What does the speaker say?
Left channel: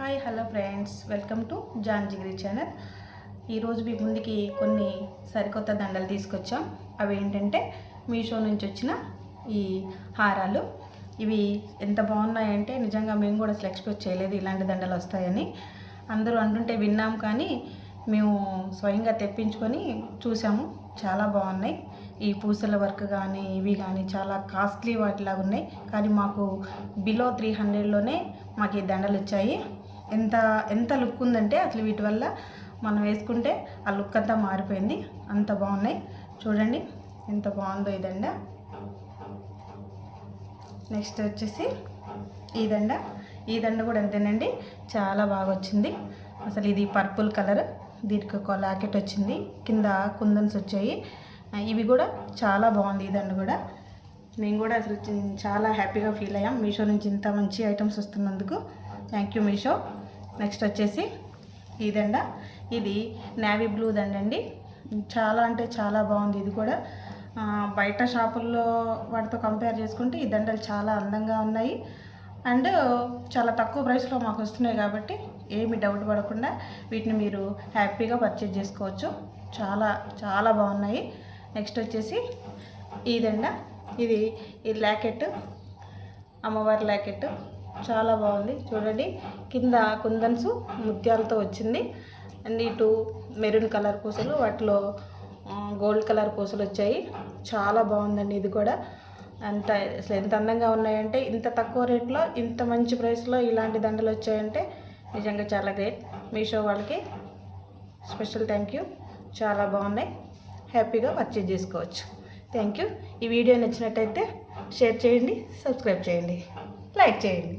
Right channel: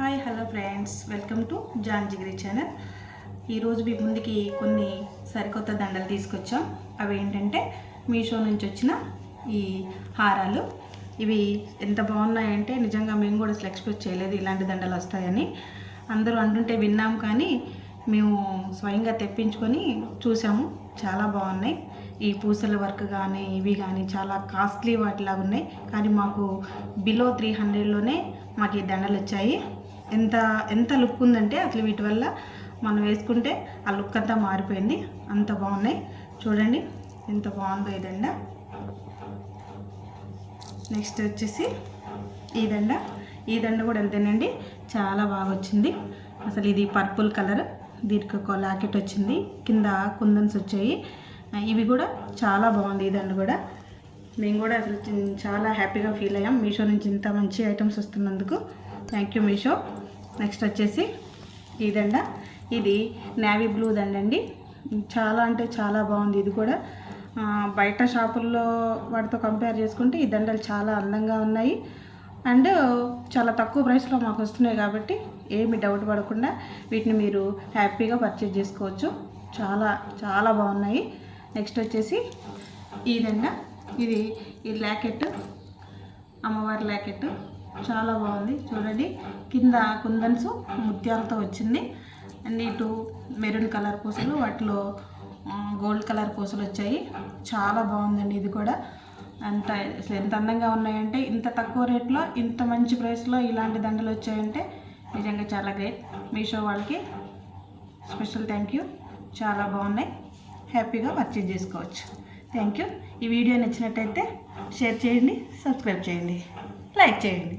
Hi hello friends welcome to Jaan Jigiri channel ఈరోజు మీ ముందుకి కొన్ని సరికొత్త దండలు తీసుకొచ్చాం. అవి ఏంటంటే మీషో నుంచి వచ్చిన ఈ హారాలు. ఇవి ఎంత బాగున్నాయంటే నిజంగా మేము కూడా అసలు ఎక్స్పెక్ట్ చేయలేదు ఇలాంటి దండలు వస్తాయని. అందరూ అంటుంటే విన్నాం కానీ మేము స్వయంగా తెప్పించుకొని చూసాము. చాలా బాగున్నాయి. ఈ పూసల వర్క్ కానీ ఇవి కానీ చాలా కాస్ట్లీ వాటిలాగా ఉన్నాయి. కానీ మాకు బిలో త్రీ హండ్రెడ్లోనే మాకు ఈ దండలు వచ్చాయి. ఎంత ఎంత లుక్ ఉందంటే అసలు వీటి వల్ల మనం వేసుకుంటే ఆ లుక్ అంతా మారిపోయింది. అంత బాగున్నాయి. చూడండి ఎంత బాగుందో ఈ దండ. నెక్స్ట్ వచ్చేసి ఈ దండ. ఈ దండ కూడా అంతేనండి. చాలా బాగా వచ్చింది. అసలు ఇది పర్పుల్ కలర్. దీనికి ఒక లాకెట్ వచ్చింది. కింద కుందన్స్ వచ్చాయి. ఇవి కూడా చాలా బాగుంది ఈ దండ కూడా. మేము కూడా అసలు చాలా హ్యాపీగా ఫీల్ అయ్యాం. మీషో నుంచి ఇంత మంచి items వస్తున్నందుకు. Thank you Meesho. Next వచ్చేసి ఈ దండ. ఇది నేవీ బ్లూ దండండి చాలా అంటే చాలా బాగుంది ఇది కూడా. బయట షాపుల్లో వాటితో కంపేర్ చేసుకుంటే ఈ దండలు చాలా అందంగా ఉన్నాయి. అండ్ చాలా తక్కువ ప్రైస్లో మాకు వస్తున్నాయి కాబట్టి ఏమి డౌట్ పడకుండా వీటిని మీరు హ్యాపీగా పర్చేజ్ చేసుకోవచ్చు. చాలా చాలా బాగున్నాయి. నెక్స్ట్ వచ్చేసి ఈ దండ. ఇది ఈ ల్యాకెట్ అమ్మవారి ల్యాకెట్ చాలా బాగుంది. చూడండి కింద కుందన్స్ ముత్యాలతో వచ్చింది. అండ్ ఇటు మెరూన్ కలర్ పూసలు వాటిలో గోల్డ్ కలర్ పూసలు వచ్చాయి. చాలా బాగుందండి ఇది కూడా. అంత అసలు ఎంత అందంగా ఉన్నాయంటే ఇంత తక్కువ రేట్లో ఇంత మంచి ప్రైస్లో ఇలాంటి దండలు వచ్చాయంటే నిజంగా చాలా గ్రేట్. మీషో వాళ్ళకి స్పెషల్ థ్యాంక్ యూ. చాలా బాగున్నాయి. హ్యాపీగా పర్చేజ్ చేసుకోవచ్చు. థ్యాంక్ యూ ఈ వీడియో నచ్చినట్టయితే షేర్ చేయండి సబ్స్క్రైబ్ చేయండి. లైక్ చేయండి.